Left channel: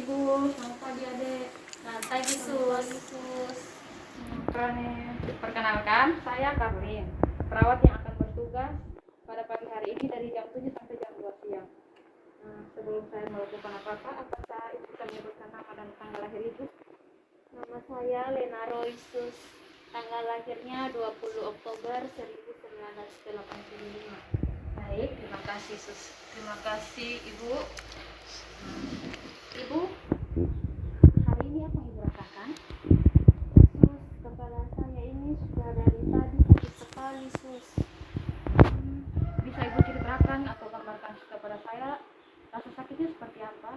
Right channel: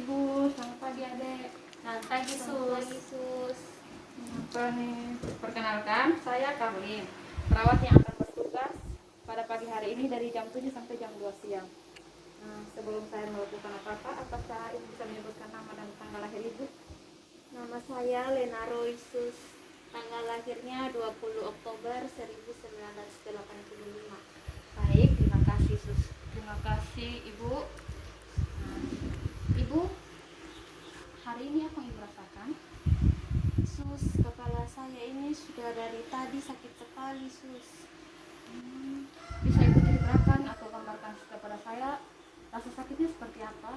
Ibu, selamat pagi Adek. Selamat pagi Sus. Perkenalkan, saya Karlin, perawat yang akan bertugas pada pagi hari ini dari jam 7 sampai jam 2 siang. Sebelum saya melakukan apa-apa, apakah Ibu bisa menyebutkan nama dan tanggal lahir Ibu? Nama saya Lena Roy Sus. Tanggal lahirnya 20 Oktober 1985. Baik, terima kasih Sus. Terima kasih Ibu. Ibu, hari ini apa yang Ibu rasakan? Sus, kepala saya ini sudah dari tadi sakit sekali Sus. Bisa Ibu ceritakan atau gambarkan kepada saya rasa sakitnya seperti apa?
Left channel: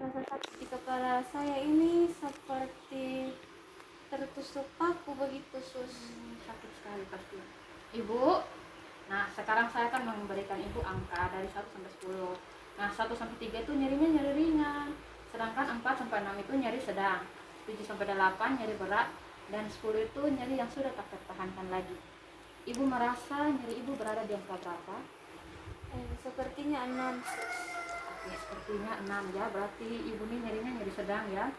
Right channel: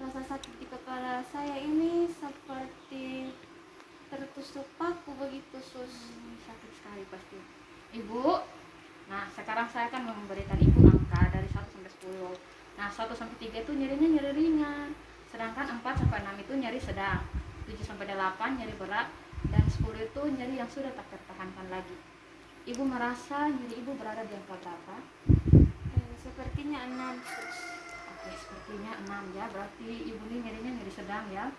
Rasa sakit di kepala saya ini seperti tertusuk paku begitu Sus. Sakit sekali pasti Ibu. Nah, sekarang saya akan memberikan Ibu angka dari 1 sampai 10. Nah, 1 sampai 3 itu nyerinya nyeri ringan, sedangkan 4 sampai 6 itu nyeri sedang, 7 sampai 8 nyeri berat, dan 10 itu nyeri yang sudah tak tertahankan lagi. Ibu merasa nyeri Ibu berada di angka berapa? Sepertinya 6 Sus. Oke, sepertinya 6 ya, berarti Ibu ini nyerinya nyeri sedang ya.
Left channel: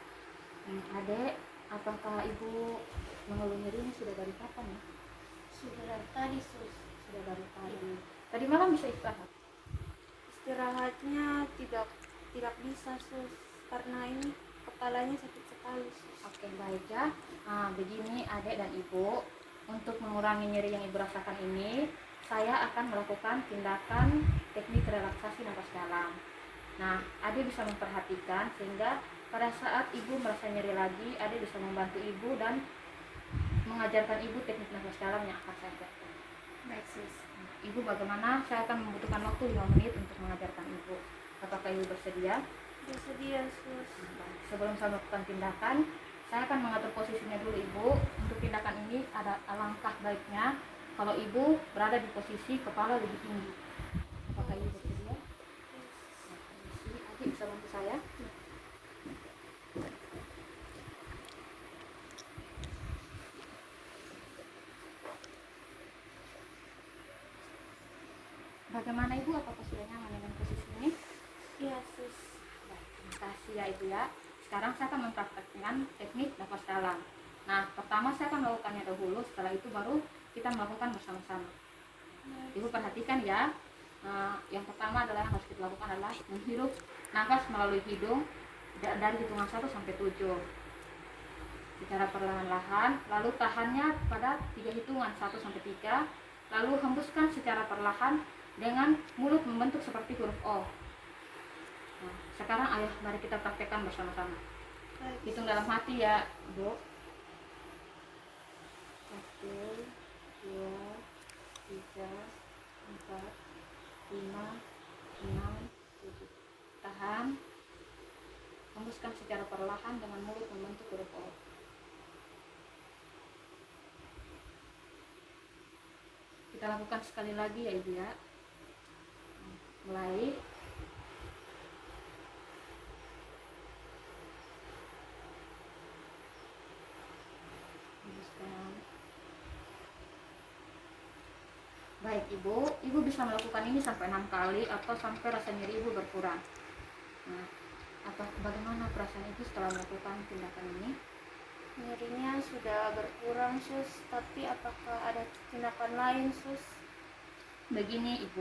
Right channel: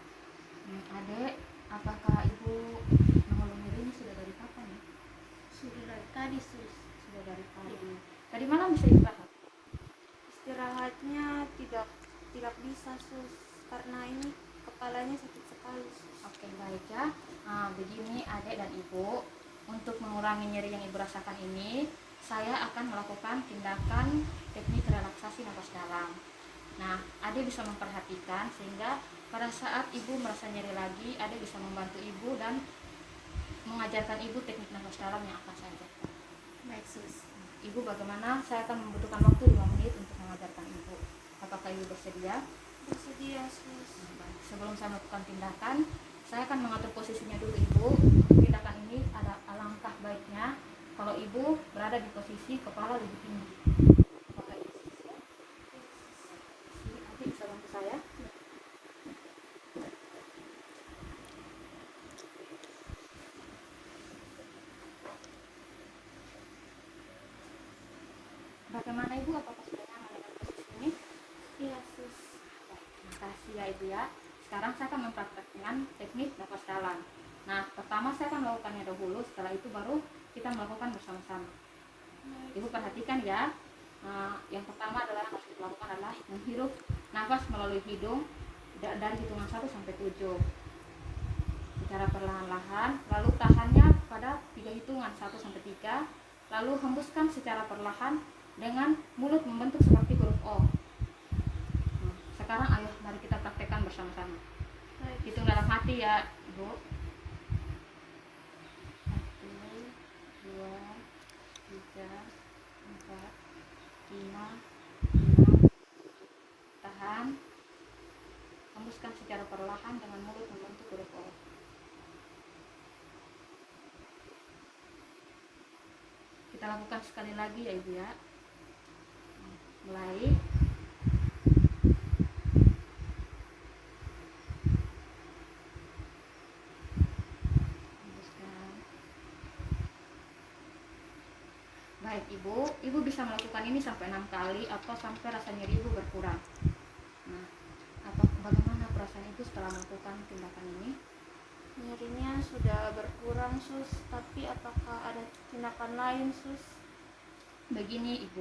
Adek, apakah Ibu mengeluh nyeri ini sudah dari kapan ya? Sudah dari tadi Sus. Sudah dari tadi. Tadi malam bisa istirahat? Istirahatnya tidak bisa Sus, karena ini kepalanya sakit sekali Sus. Oke, baik ya. Begini Adek dan Ibu, untuk mengurangi nyeri yang Ibu rasakan ini, saya akan melakukan tindakan teknik relaksasi nafas dalam. Nah, Adek bisa memperhatikan sehingga pada saat Ibu merasa nyeri lagi, Adek bisa membantu Ibu dan mengajarkan Ibu teknik nafas dalam yang akan saya ajarkan. Baik Sus. Ibu bagaimana? Saya akan membutuhkan waktu 5 menit untuk mengajarkan Ibu. Apakah Ibu bersedia? Bersedia Sus. Sebelum saya melakukan tindakan, saya akan mengatur posisinya dulu Ibu. Untuk tindakan ini ada alangkah baiknya kalau Ibu berada di posisi kepala lebih tinggi. Apakah Ibu bersedia? Adik bisa bantu saya? Bagaimana Ibu? Apakah sudah nyaman dengan posisi ini? Iya Sus. Baik, terima kasih ya Ibu ya. Sekarang saya akan mempraktekkan teknik nafas dalam. Nah, pertama saya akan melakukannya dahulu, setelah itu baru kita melakukan bersama-sama. Ibu perhatikan ya. Yang pertama adalah harus kita lakukan adalah menghirup nafas melalui hidung dari hitungan 1 sampai 7 secara perlahan-lahan, lalu tahannya pada 3 hitungan 1 sampai 3, lalu hembuskan secara perlahan dengan mulut membentuk seperti huruf O. Nah, sekarang ayo mari kita praktekkan bersama-sama. Hitung dalam hati ya Ibu. 1, 2, 3, 4, 5, 6, 7. Tahan. Hembuskan secara perlahan dengan mulut membentuk huruf O. Kita lakukan sekali lagi ya Ibu ya. Mulai. Hembuskan. Baik Ibu bisa melakukan ini sampai 6 kali atau sampai rasa nyeri Ibu berkurang. Nah, bagaimana perasaan Ibu setelah melakukan tindakan ini? Nyerinya sudah berkurang Sus, tapi apakah ada tindakan lain Sus? Begini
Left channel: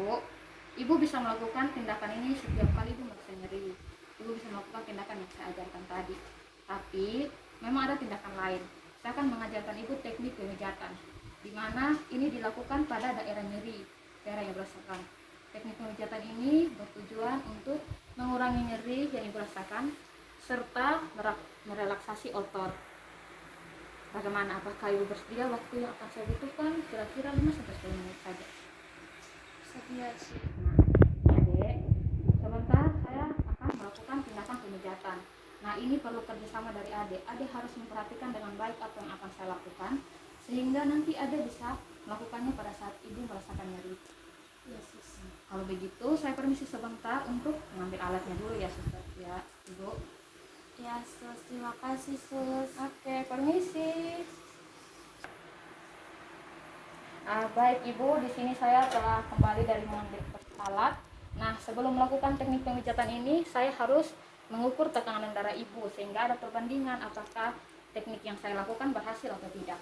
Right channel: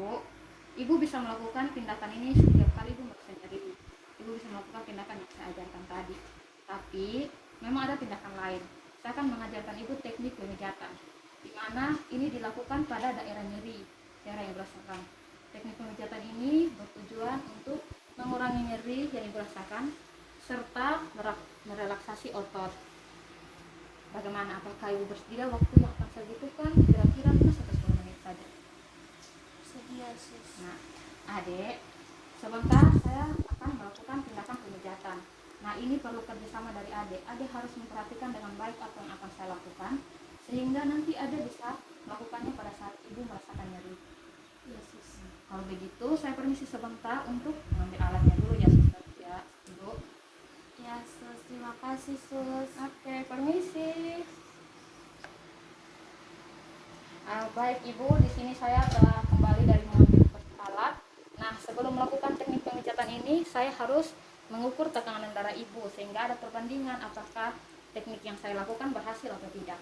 Ibu bisa melakukan tindakan ini setiap kali Ibu merasa nyeri. Ibu bisa melakukan tindakan yang saya ajarkan tadi. Tapi memang ada tindakan lain. Saya akan mengajarkan Ibu teknik pemijatan, di mana ini dilakukan pada daerah nyeri, daerah yang berasakan. Teknik pemijatan ini bertujuan untuk mengurangi nyeri yang Ibu rasakan serta merelaksasi otot. Bagaimana? Apakah Ibu bersedia? Waktu yang akan saya butuhkan kira-kira 5 sampai 10 menit saja. Sedia Sus. Nah, Adek, sebentar saya akan melakukan tindakan pemijatan. Nah, ini perlu kerjasama dari Adek. Adek harus memperhatikan dengan baik apa yang akan saya lakukan, sehingga nanti Adek bisa melakukannya pada saat Ibu merasakan nyeri. Iya Sus. Kalau begitu, saya permisi sebentar untuk mengambil alatnya dulu ya, Sus. Ya, Ibu. Ya Sus, terima kasih Sus. Oke, permisi. Baik Ibu, di sini saya telah kembali dari mengambil alat. Nah, sebelum melakukan teknik pemijatan ini, saya harus mengukur tekanan darah darah ibu, sehingga ada perbandingan apakah teknik yang saya lakukan berhasil atau tidak.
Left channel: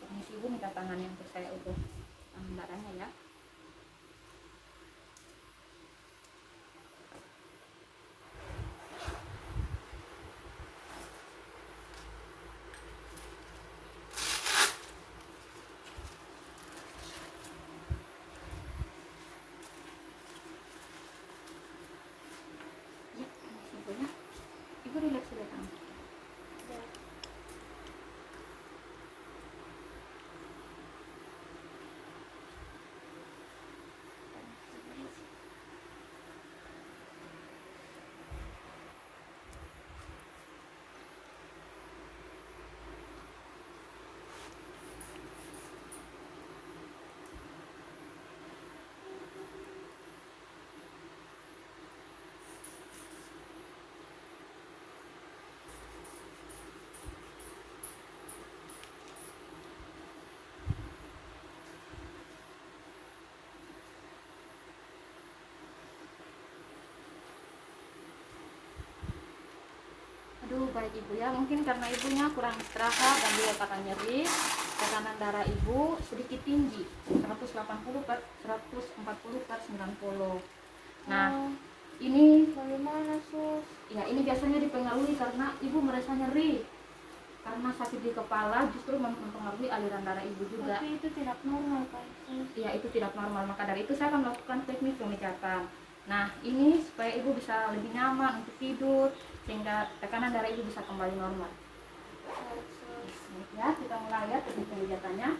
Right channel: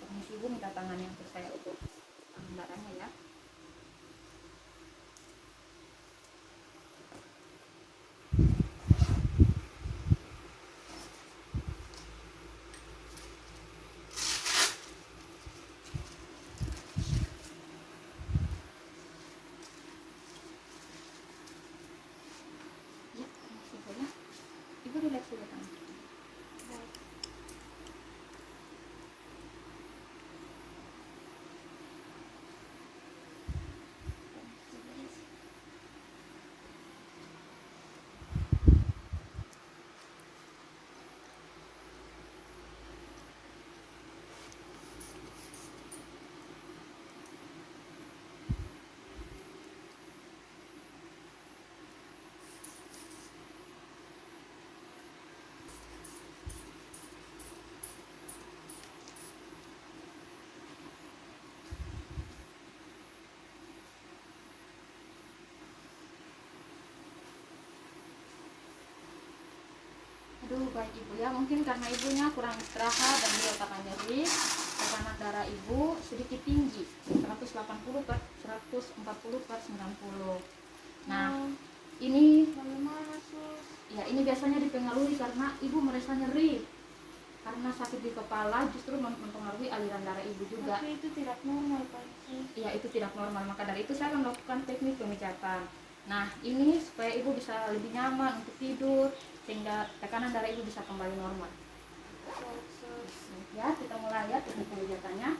Permisi ibu, minta tangannya untuk saya ukur darahnya ya. Ya, simpelnya. Ibu relax dulu tangan. Aduh, baik ibu ya, mungkin karena ibunya kurang istirahat dan dia karena nyeri, tekanan darah ibu sedikit tinggi, 180 per 140 per 90. Nah, ini Bagaimana sus? ya ini biasanya dipengaruhi karena ibu merasa nyeri. Karena sakit di kepala justru mempengaruhi aliran darah ibu juga. Tapi itu tidak normal Pak sus. Ya, itu tidak normal, maka dari itu saya akan melakukan teknik pemijatan. Nah, ini supaya ibu bisa lebih nyaman untuk tidur, sehingga tekanan darah ibu bisa kembali normal. Baik, sus. Ya, kita mulai ya teknik pemijatannya.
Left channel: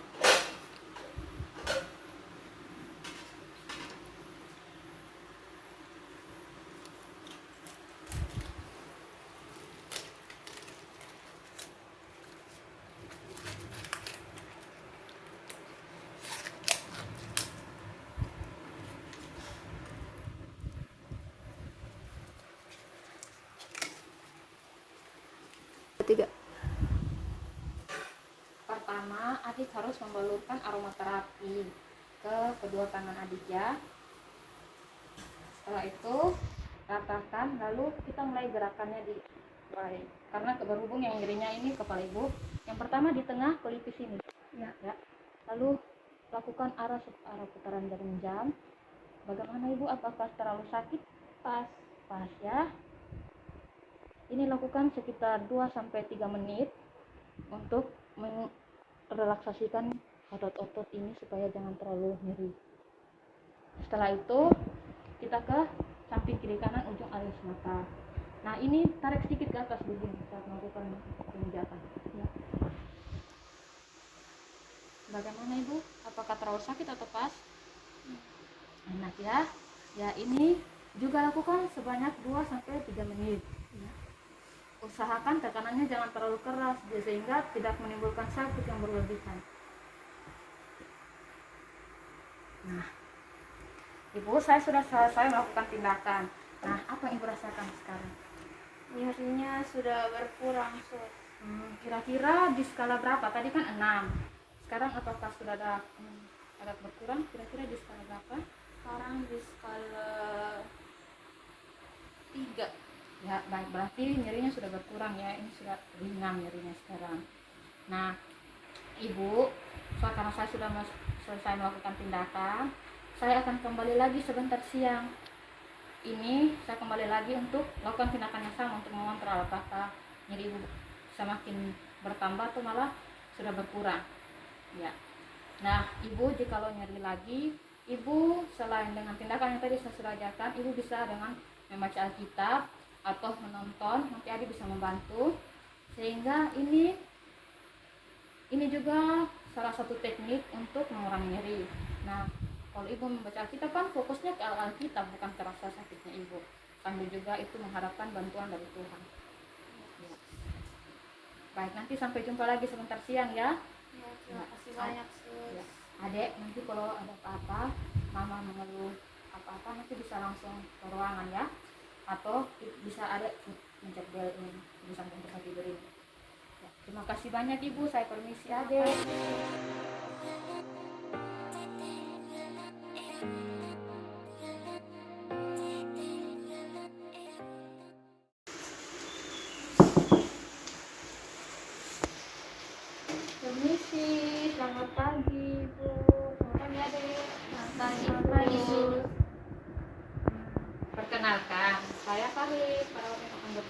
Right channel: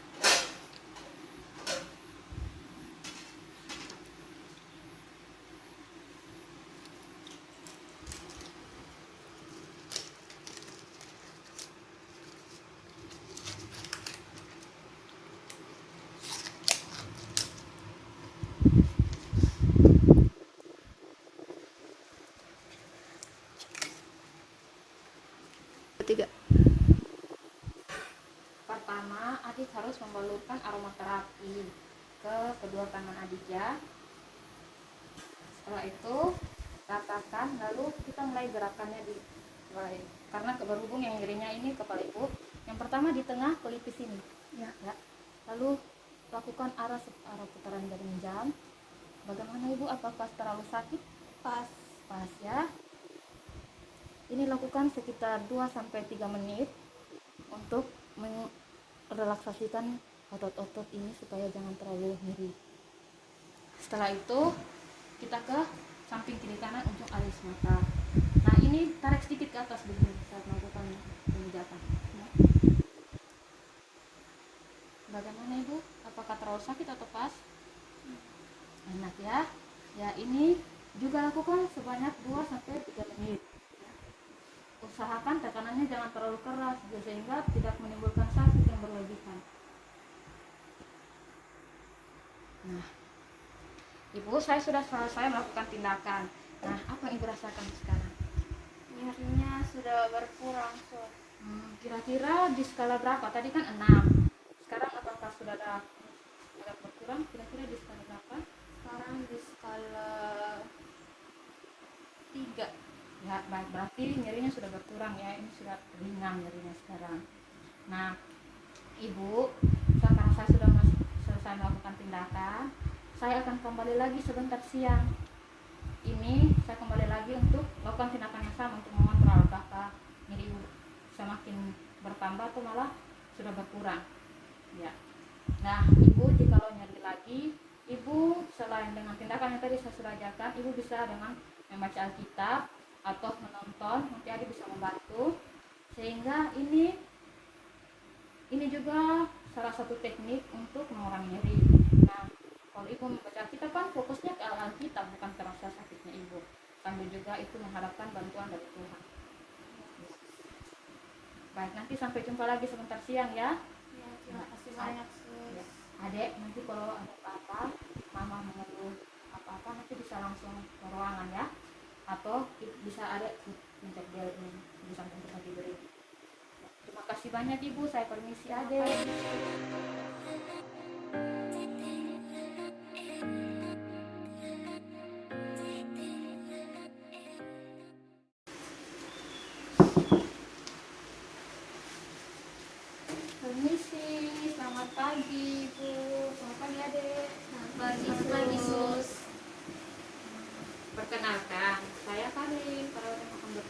Ketiga. Pertama, adik harus membalurkan aromaterapi ke kedua tangan adik ya. Setelah itu ratakan, lalu kita mulai gerakannya di lain. Karena berhubung yang nyerinya ini kepala ibu, yang pertama di tengah pelipis ini ya. Lalu lakukan arah putaran jarum jam. Bagaimana ibu, apakah terlalu sakit? Pas. Pas ya. Ini lakukan sekitar 2-3 menit untuk merelaksasikan otot-otot ini supaya jangan terlalu nyeri. Setelah itu kita ke samping kiri kanan ujung alis mata. Nah, ini tarik sedikit ke atas begini saat melakukan pemijatan ya. Bagaimana ibu, apakah terlalu sakit atau pas? Enak ya. Ya, ini juga lakukan sebanyak 2-3 menit ya. Usahakan tekanannya jangan terlalu keras sehingga tidak menimbulkan sakit yang berlebihan. Nah, ibu, saya sudah selesai melakukan tindakan. Nah, apa yang ibu rasakan sekarang? Nyerinya sudah berkurang sus. Kira-kira di skala berapa? Tadi kan 6. Sekarang apakah sudah ada agak berkurang? Kira-kira di skala berapa? Sekarang di skala 3. Ya, baik, berarti nyerinya sudah berkurang ya. Ini sudah ringan nyerinya sekarang. Nah, ibu, karena saya sudah selesai melakukan tindakan, saya akan kembali lagi sebentar siang. Ini saya kembali lagi untuk melakukan tindakan yang sama untuk mengontrol apakah nyeri ibu semakin bertambah atau malah sudah berkurang ya. Nah, ibu jikalau nyeri lagi, ibu selain dengan tindakan yang tadi saya sudah ajarkan, ibu bisa dengan membaca Alkitab atau menonton, nanti adik bisa membantu, sehingga ini juga salah satu teknik untuk mengurangi nyeri. Nah, kalau ibu membaca Alkitab kan fokusnya ke Alkitab, bukan ke rasa sakitnya ibu, sambil juga itu mengharapkan bantuan dari Tuhan ya. Baik, nanti sampai jumpa lagi sebentar siang ya. Ya, terima kasih banyak sus. Ya. Adek, nanti kalau ada apa-apa, mama mengeluh apa-apa, nanti bisa langsung ke ruangan ya, atau bisa adek mencet bel ini di samping tempat tidur ini ya. Terima kasih banyak ibu, saya permisi adek.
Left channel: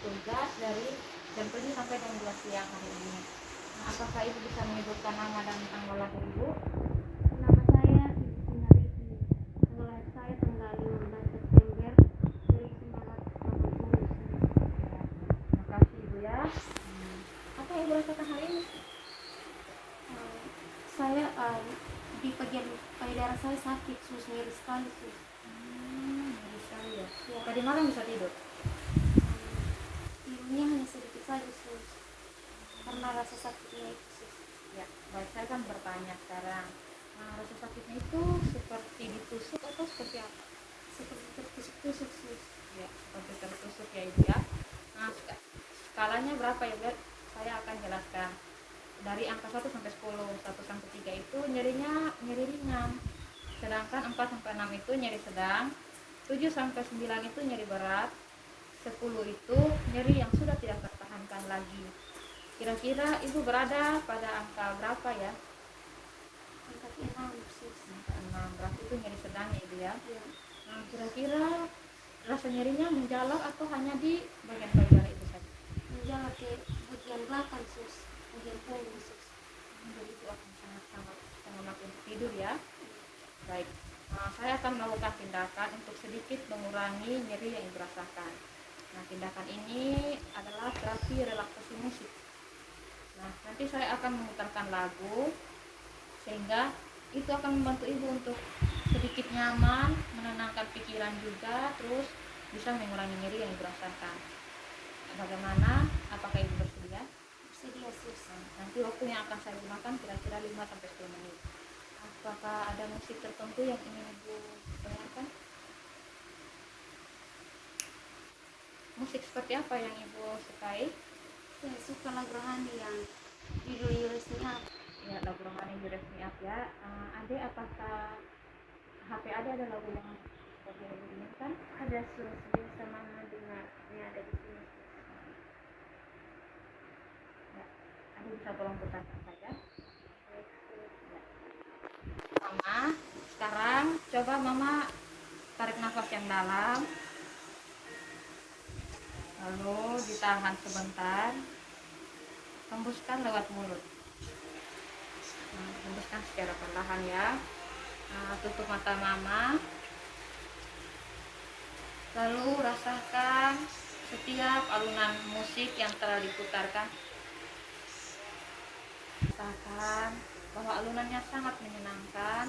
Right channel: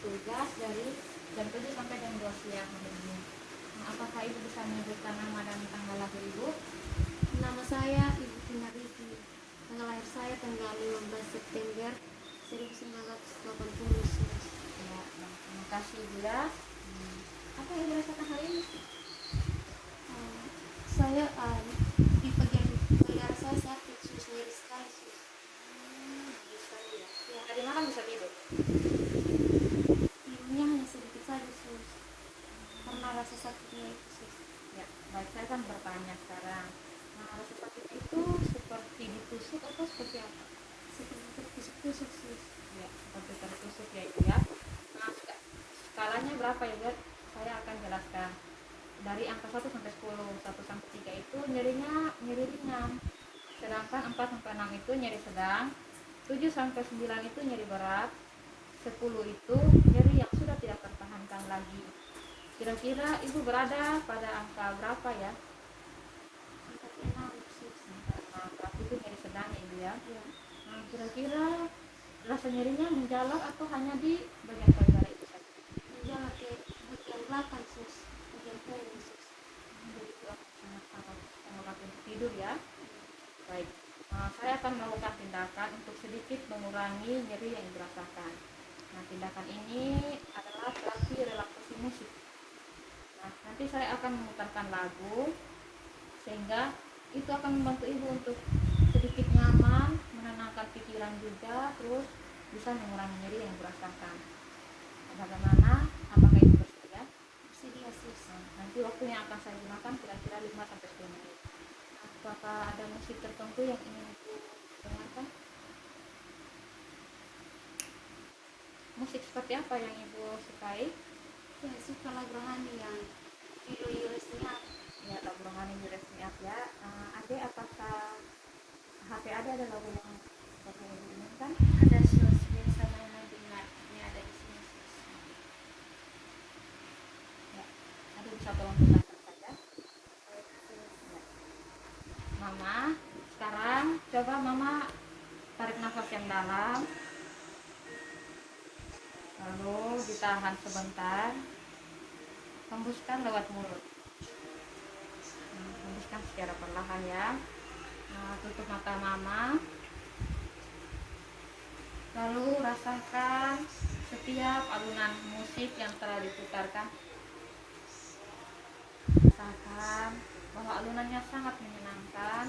bertugas dari jam 7 sampai jam 2 siang hari ini. Nah, apakah Ibu bisa menyebutkan nama dan tanggal lahir Ibu? Nama saya Ibu Tina Riki. Tanggal lahir saya tanggal 15 September 1980. Ya, terima kasih Ibu ya. Apa yang Ibu rasakan hari ini? Saya di bagian payudara saya sakit, sus, nyeri sekali sus. Nyeri sekali ya. Ya, Tadi malam bisa tidur? tidurnya hanya sedikit saja sus, karena rasa sakitnya itu sus. Ya, baik, saya kan bertanya sekarang. Nah, rasa sakitnya itu seperti ditusuk atau seperti apa? Seperti tertusuk-tusuk sus. Ya, seperti tertusuk ya Ibu ya. Nah, skalanya berapa ya buat? Saya akan jelaskan. Dari angka 1 sampai 10, 1 sampai 3 itu nyerinya nyeri ringan. Sedangkan 4 sampai 6 itu nyeri sedang, 7 sampai 9 itu nyeri berat, 10 itu nyeri yang sudah tidak tertahankan lagi. Kira-kira Ibu berada pada angka berapa ya? Angka 6 sus. Angka 6, berarti itu nyeri sedang ya Ibu ya. Ya, Nah, kira-kira rasa nyerinya menjalar atau hanya di bagian payudara itu saja? menjalar ke bagian belakang sus, bagian punggung sus. Jadi itu akan sangat-sangat sangat untuk tidur ya. Baik, saya akan melakukan tindakan untuk sedikit mengurangi nyeri yang Ibu rasakan. Nah, tindakan ini adalah terapi relaksasi musik. Nah, nanti saya akan memutarkan lagu sehingga itu akan membantu Ibu untuk sedikit nyaman, menenangkan pikiran juga, terus bisa mengurangi nyeri yang Ibu rasakan. Bagaimana? Apakah Ibu bersedia? Sedia sus. Nah, nanti waktu yang akan saya gunakan kira-kira 5 sampai 10 menit. Apakah ada musik tertentu yang ingin Ibu dengarkan? Musik seperti apa yang Ibu sukai? Saya suka lagu rohani yang judul Up. Ya, lagu rohani Juresmi Up ya. Ade, apakah HP ada lagu yang seperti yang Ibu inginkan? Ada sus, biasa mama dengarnya ada di sini sus. Ya, Ade bisa tolong putarkan saja. Sus. Mama, sekarang coba Mama tarik nafas yang dalam, lalu ditahan sebentar, hembuskan lewat mulut. Nah, hembuskan secara perlahan ya. Nah, tutup mata Mama, lalu rasakan setiap alunan musik yang telah diputarkan. Rasakan bahwa alunannya sangat menyenangkan,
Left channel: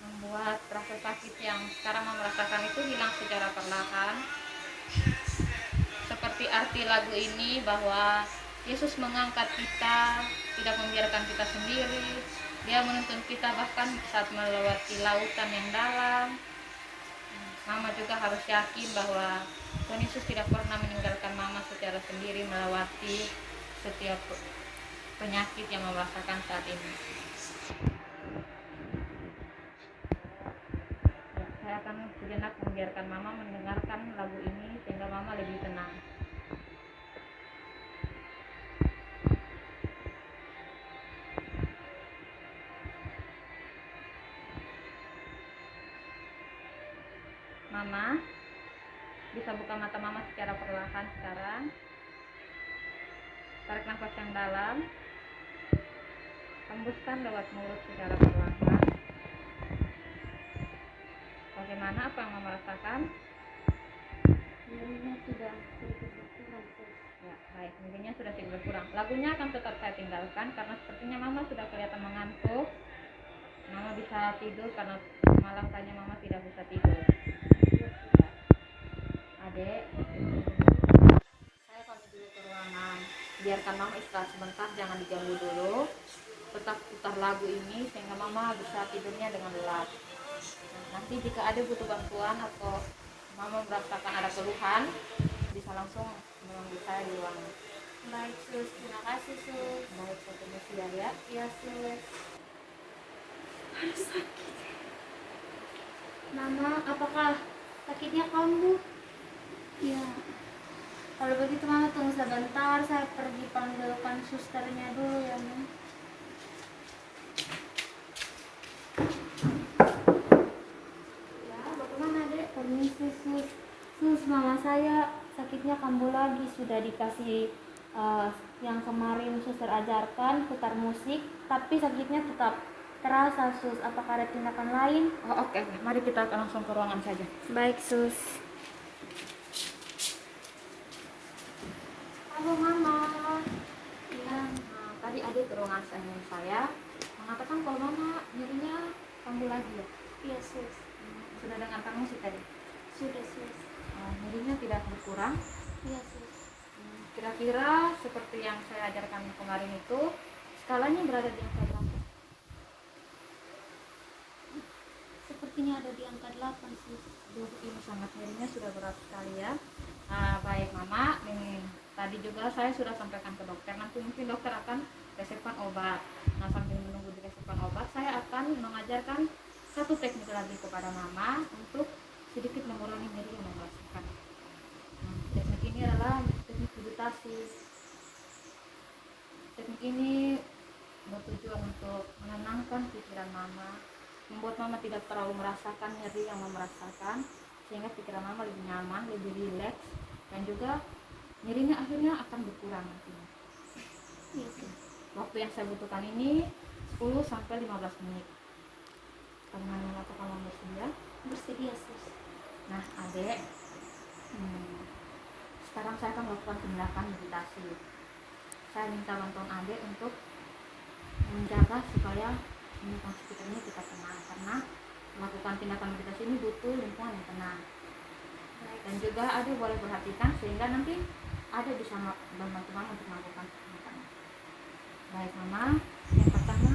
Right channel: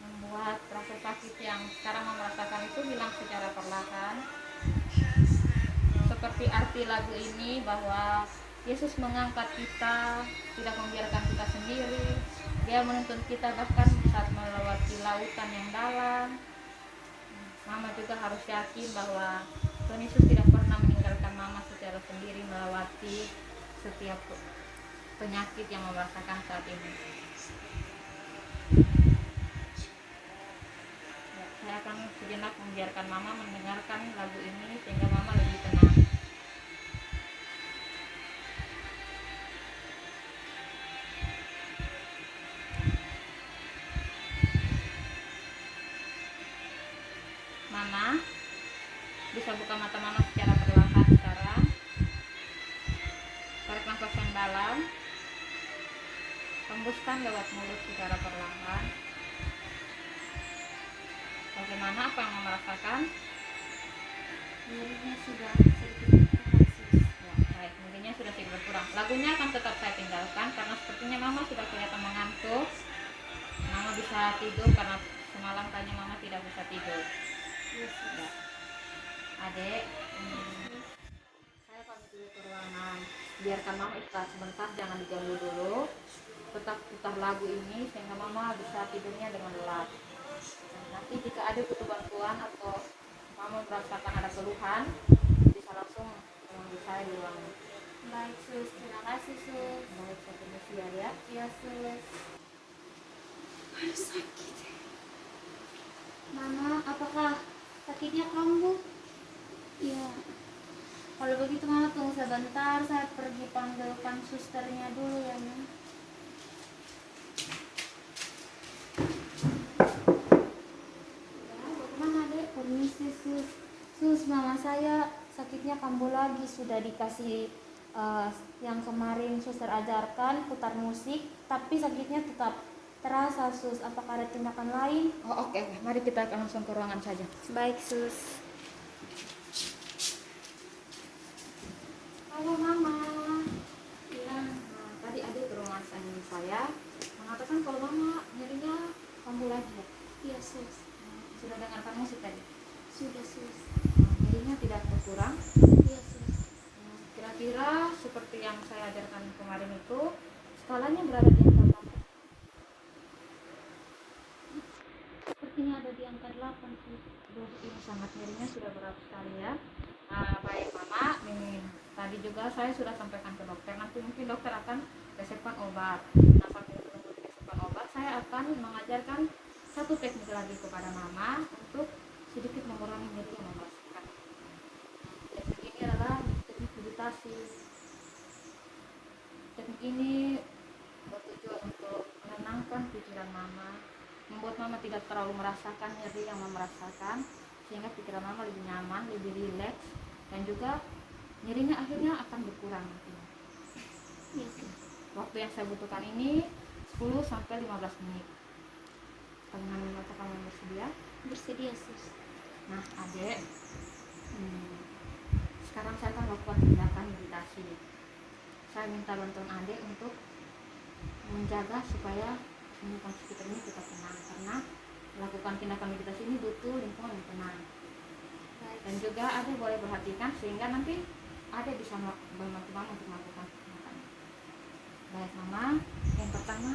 membuat rasa sakit yang sekarang Mama rasakan itu hilang secara perlahan. Seperti arti lagu ini bahwa Yesus mengangkat kita, tidak membiarkan kita sendiri. Dia menuntun kita bahkan saat melewati lautan yang dalam. Mama juga harus yakin bahwa Tuhan Yesus tidak pernah meninggalkan Mama secara sendiri melewati setiap penyakit yang Mama rasakan saat ini. Ya, saya akan sejenak membiarkan Mama mendengarkan lagu ini sehingga Mama lebih tenang. Mama bisa buka mata Mama secara perlahan sekarang. Tarik nafas yang dalam, hembuskan lewat mulut secara perlahan. Bagaimana, apa yang Mama rasakan? Nyerinya sudah sedikit berkurang sus. Ya, baik, nyerinya sudah sedikit berkurang. Lagunya akan tetap saya tinggalkan karena sepertinya Mama sudah kelihatan mengantuk. Mama bisa tidur karena semalam tanya Mama tidak bisa tidur. Iya sus. Adek, saya pamit dulu ke ruangan. Biarkan Mama istirahat sebentar, jangan diganggu dulu. Tetap putar lagu ini sehingga Mama bisa tidurnya dengan lelap. Nanti jika ada butuh bantuan atau Mama merasakan ada keluhan, bisa langsung menemui saya di ruangan. Baik sus, terima kasih sus. Baik, saya permisi ya. Iya sus. Aduh sakit. Mama, apakah sakitnya kambuh? Iya. Kalau begitu Mama tunggu sebentar, saya pergi panggilkan susternya dulu ya Mama. Ya, bagaimana Dek? Permisi sus. Sus, mama saya sakitnya kambuh lagi. Sudah dikasih yang kemarin suster ajarkan putar musik, tapi sakitnya tetap terasa sus. Apakah ada tindakan lain? Oh, oke. Mari kita langsung ke ruangan saja. Baik sus. Halo mama. Ya, tadi adik ke ruangan saya mengatakan kalau mama nyerinya kambuh lagi ya. Iya sus. Sudah dengarkan musik tadi? Sudah sus. Nyerinya tidak berkurang. Iya sus. Kira-kira seperti yang saya ajarkan kemarin itu, skalanya berada di angka berapa? Sepertinya ada di angka 8 sus. Ini sangat nyerinya sudah berat sekali ya. Baik mama, tadi juga saya sudah sampaikan ke dokter. Nanti mungkin dokter akan resepkan obat. Nah, sambil menunggu resepkan obat, saya akan mengajarkan satu teknik lagi kepada mama untuk sedikit mengurangi nyeri yang mama rasakan. Teknik ini adalah teknik meditasi. Teknik ini bertujuan untuk menenangkan pikiran mama, membuat mama tidak terlalu merasakan nyeri yang mama rasakan, sehingga pikiran mama lebih nyaman, lebih rileks, dan juga nyerinya akhirnya akan berkurang nantinya. Waktu yang saya butuhkan ini 10-15 menit. Bagaimana, apakah mama bersedia? Bersedia sus. Nah adek, sekarang saya akan melakukan tindakan meditasi. Saya minta bantuan adek untuk menjaga supaya lingkungan sekitar ini tetap tenang, karena melakukan tindakan meditasi ini butuh lingkungan yang tenang. Dan juga adek boleh perhatikan sehingga nanti adek bisa membantu mama untuk melakukan tindakan. Baik mama, yang pertama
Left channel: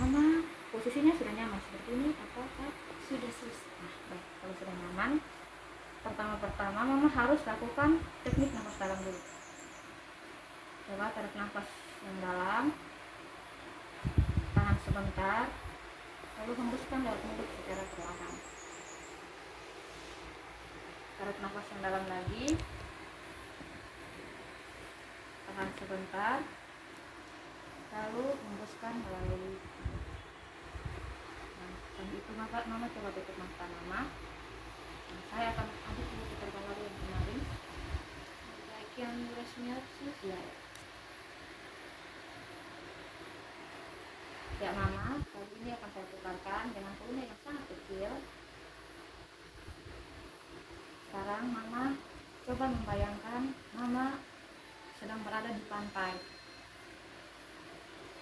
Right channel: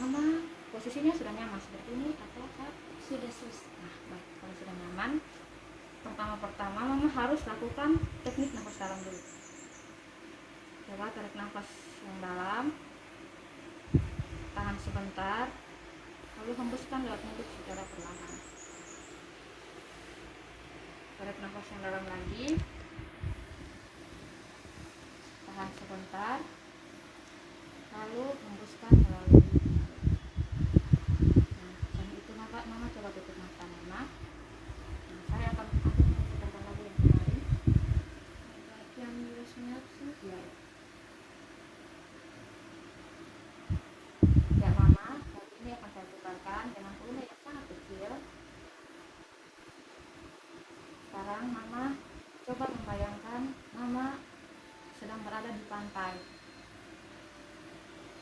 mama posisinya sudah nyaman seperti ini atau kak? Sudah sus. Nah, baik, kalau sudah nyaman, pertama mama harus lakukan teknik nafas dalam dulu. Coba tarik nafas yang dalam, tahan sebentar, lalu hembuskan lewat mulut secara perlahan. Tarik nafas yang dalam lagi, tahan sebentar, lalu hembuskan melalui mulut. Dan itu mama coba tutup mata mama. Saya akan ambil putarkan lagu yang kemarin. Baik, yang resminya sus. Ya. Ya mama, kali ini akan saya putarkan dengan volume yang sangat kecil. Sekarang mama coba membayangkan mama sedang berada di pantai.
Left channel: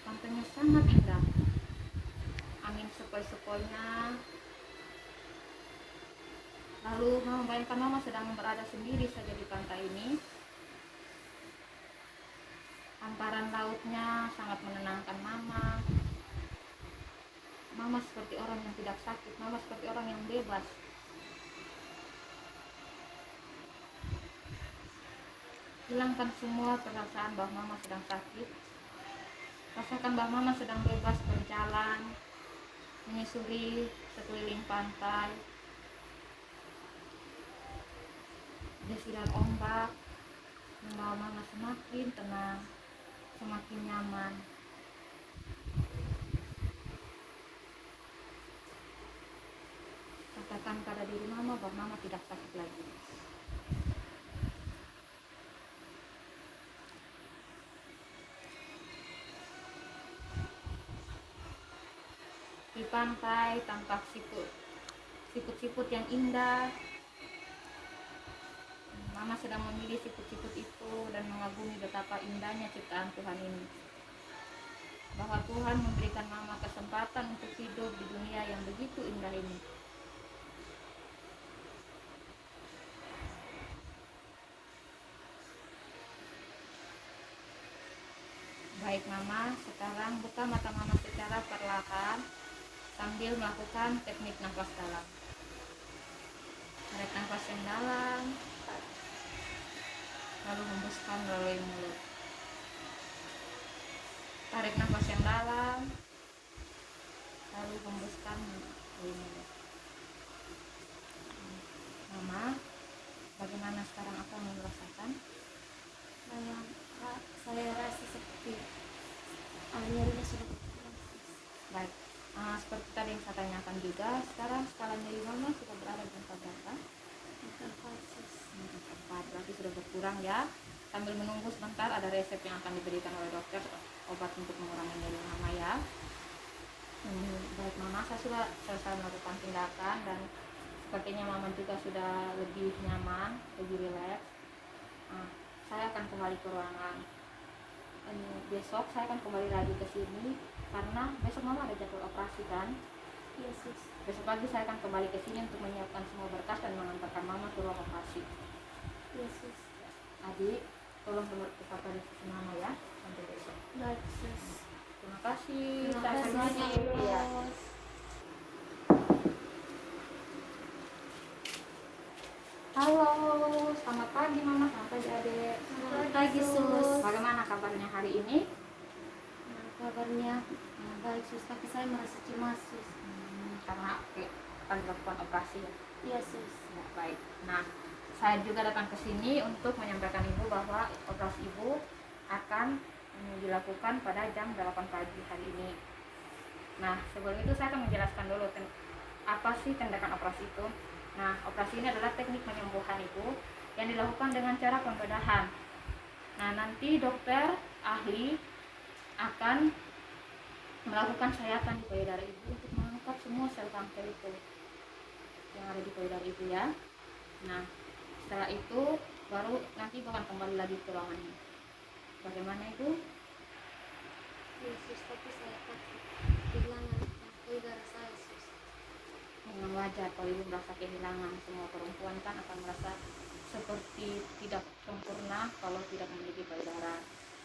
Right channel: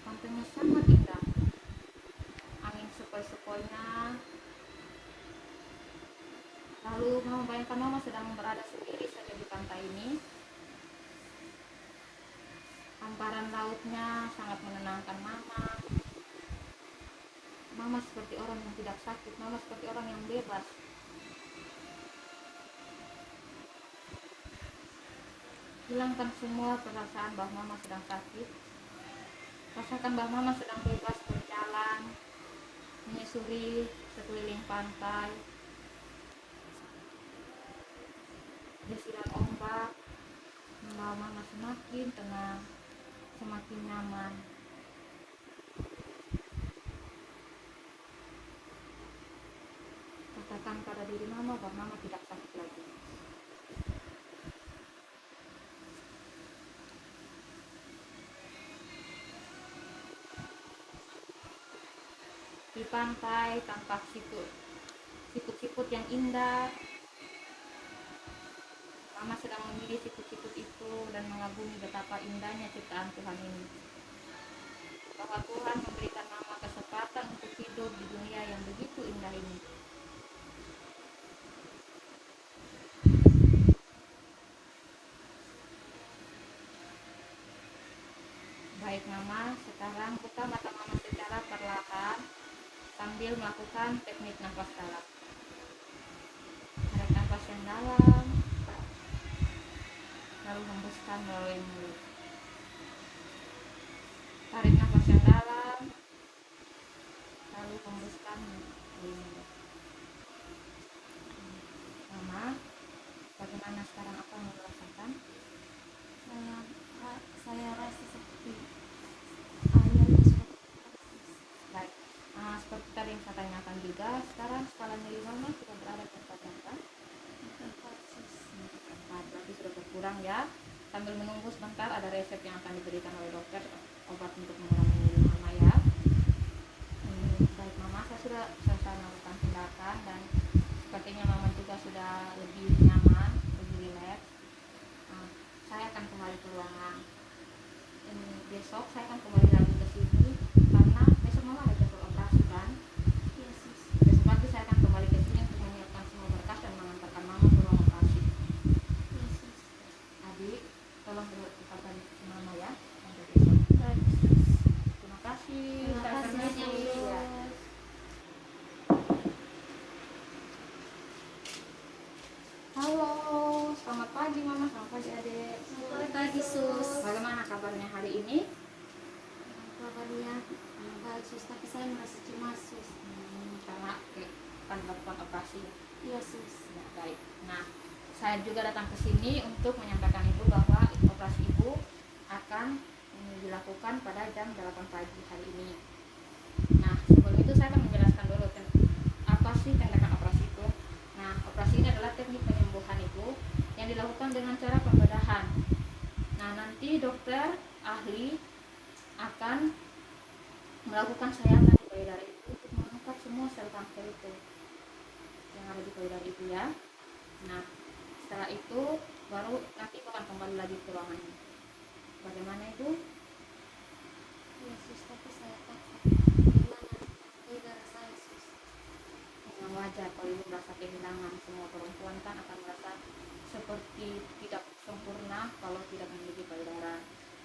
Pantainya sangat indah, angin sepoi-sepoinya. Lalu mama bayangkan mama sedang berada sendiri saja di pantai ini. Hamparan lautnya sangat menenangkan mama. Mama seperti orang yang tidak sakit, mama seperti orang yang bebas. Hilangkan semua perasaan bahwa mama sedang sakit. Rasakan bahwa mama sedang bebas berjalan, menyusuri sekeliling pantai. Desiran ombak membawa mama semakin tenang, semakin nyaman. Katakan pada diri mama bahwa mama tidak sakit lagi. Di pantai tampak siput-siput yang indah. Mama sedang memilih siput-siput itu dan mengagumi betapa indahnya ciptaan Tuhan ini. Bahwa Tuhan memberikan mama kesempatan untuk hidup di dunia yang begitu indah ini. Baik mama, sekarang buka mata mama secara perlahan sambil melakukan teknik nafas dalam. Tarik nafas yang dalam, lalu hembuskan melalui mulut. Tarik nafas yang dalam, lalu hembuskan melalui mulut. Mama, bagaimana sekarang apa yang merasakan? Saya rasa seperti airnya sudah berkurang. Baik, seperti tadi yang saya tanyakan juga, sekarang skala nyeri mama sudah berada di angka berapa? Angka 4 sus. Angka 4, berarti sudah berkurang. kurang ya. Sambil menunggu sebentar ada resep yang akan diberikan oleh dokter, obat untuk mengurangi nyeri mama ya. Baik mama, saya sudah selesai melakukan tindakan dan sepertinya mama juga sudah lebih nyaman, lebih rileks. Saya akan kembali ke ruangan. Besok saya akan kembali lagi ke sini karena besok mama ada jadwal operasi kan. Yes, sus. Besok pagi saya akan kembali ke sini untuk menyiapkan semua berkas dan mengantarkan mama ke ruang operasi. Yes, sus. Adik, tolong tetap ada di mama ya sampai besok. Baik, sus. Terima kasih. Terima Saya kasih, permisi. Sus. Ya. Halo, selamat pagi mama, selamat pagi adik. Selamat pagi, sus. Bagaimana kabarnya hari ini? Kabarnya baik, sus, tapi saya merasa cemas, sus. Karena akan dilakukan operasi ya. Iya, sus. Ya, baik. Nah, saya juga datang ke sini untuk menyampaikan ibu bahwa operasi ibu akan dilakukan pada jam 8 pagi hari ini. Nah, sebelum itu saya akan menjelaskan dulu apa sih tindakan operasi itu. Nah, operasi ini adalah teknik penyembuhan ibu yang dilakukan dengan cara pembedahan. Nah, nanti dokter ahli akan melakukan sayatan di payudara ibu untuk mengangkat semua sel kanker itu yang ada di payudara ibu ya. Nah, setelah itu baru nanti akan kembali lagi ke ruangannya. Bagaimana ibu? Iya, sus, tapi saya takut. Gimana payudara saya, sus? Dengan wajar kalau ibu merasa kehilangan. Semua perempuan kan akan merasa seperti tidak sempurna kalau tidak memiliki payudara.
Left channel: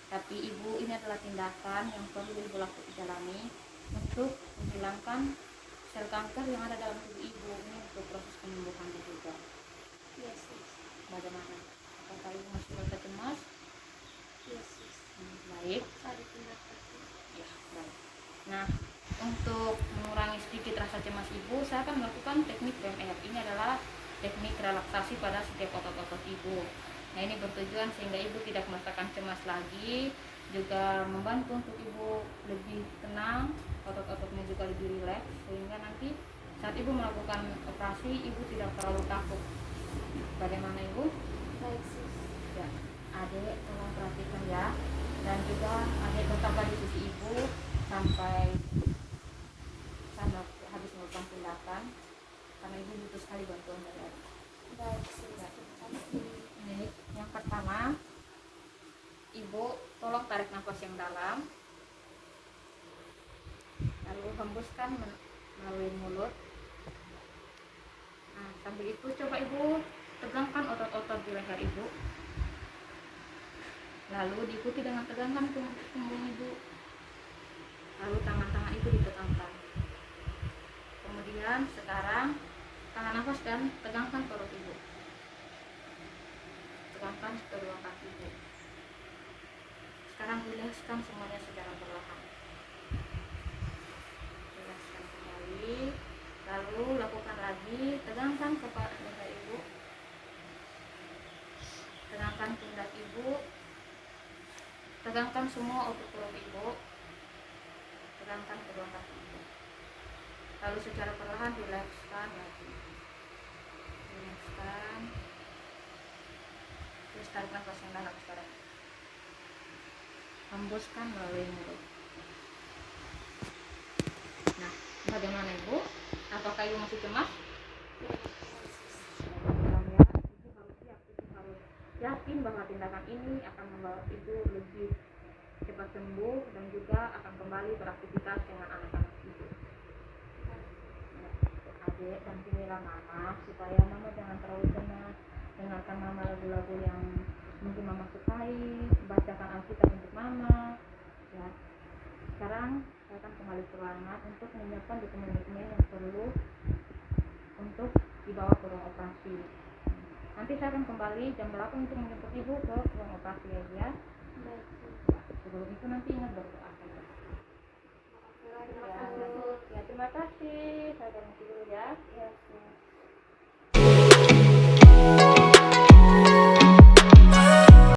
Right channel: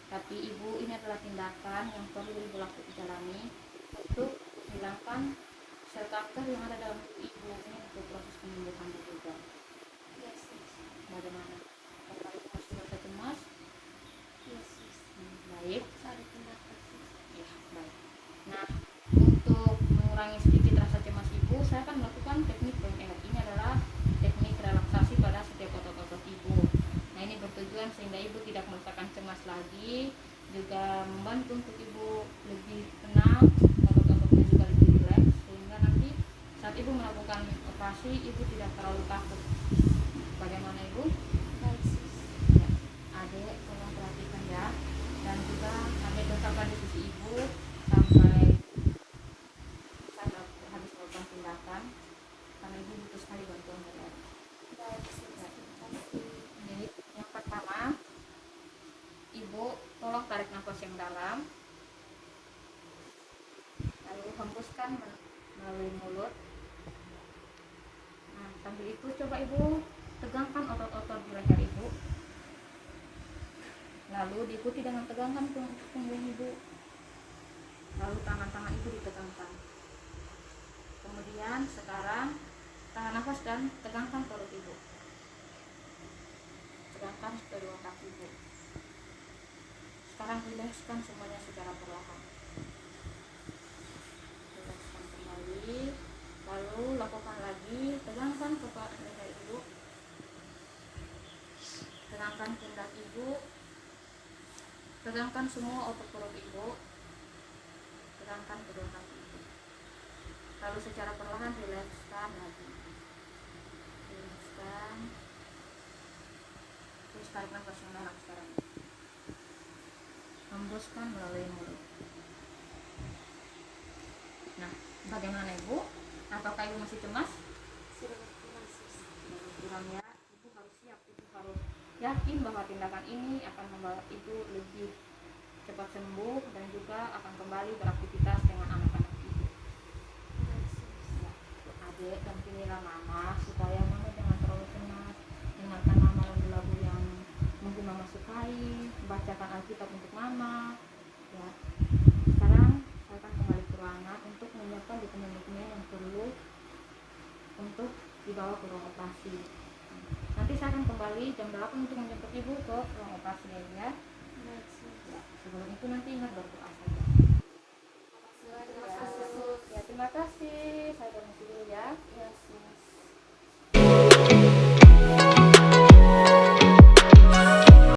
Tapi ibu, ini adalah tindakan yang perlu ibu jalani untuk menghilangkan sel kanker yang ada dalam tubuh ibu. Ini untuk proses penyembuhan juga. Iya, sus. Bagaimana? Apakah ibu masih merasa cemas? Iya, sus. Baik. Ada tindakan, sus. Ya, baik. Nah, untuk mengurangi sedikit rasa cemas ibu, saya akan melakukan teknik PMR. Ini adalah teknik relaksasi pada setiap otot-otot ibu. Nah, ini bertujuan sehingga ibu tidak merasakan cemas lagi, juga membantu untuk ibu lebih tenang, otot-ototnya juga lebih rileks, sehingga nanti saat ibu melakukan operasi, ibu tidak terlalu takut. Bagaimana ibu? Baik, sus. Ya, adek tolong perhatikan ya, dan juga adek tetaplah di sisi ibu sampai saya habis melakukan tindakan, karena ibu butuh sekali bantuan dari adek. Baik, sus. Ya. Terima kasih. Baik, yang pertama, ibu tolong tarik nafas yang dalam, lalu hembuskan melalui mulut. Nah, sambil itu coba ibu tegangkan otot-otot di leher ibu, lalu diikuti dengan tegangkan punggung ibu, lalu tangan-tangan ibu ditegangkan. Kemudian sekarang tahan nafas dan tegangkan perut ibu, tegangkan kedua kaki ibu. Sekarang rilekskan semuanya secara perlahan. Rilekskan kembali, lalu lakukan lagi, tegangkan kepala leher ibu, tegangkan pundak ibu, tegangkan semua otot perut ibu, tegangkan kedua kaki ibu. Lalu secara perlahan rilekskan lagi, rilekskan. Terus tarik nafas yang dalam sekarang, hembuskan melalui mulut. Nah, bagaimana ibu? Apakah ibu masih cemas? Sudah maksimal, sus. Pulang ya, ibu harus siap, ibu harus yakin bahwa tindakan ini akan membawa ibu lebih cepat sembuh dan juga akan kembali beraktivitas dengan anak-anak ibu. Baik, sus. Ya, adek, dampingilah mama supaya mama jangan terlalu cemas. Dengarkan mama lagu-lagu yang mungkin mama sukai, bacakan Alkitab untuk mama. Ya, sekarang saya akan kembali ke ruangan untuk menyiapkan dokumen-dokumen yang perlu untuk dibawa ke ruang operasi. Nanti saya akan kembali jam 8 untuk menjemput ibu ke ruang operasi ya. Baik, sus. Sebelum itu nanti ingat berdoa saja. Terima kasih, sus. Ya, terima kasih. Saya permisi dulu ya. Yes.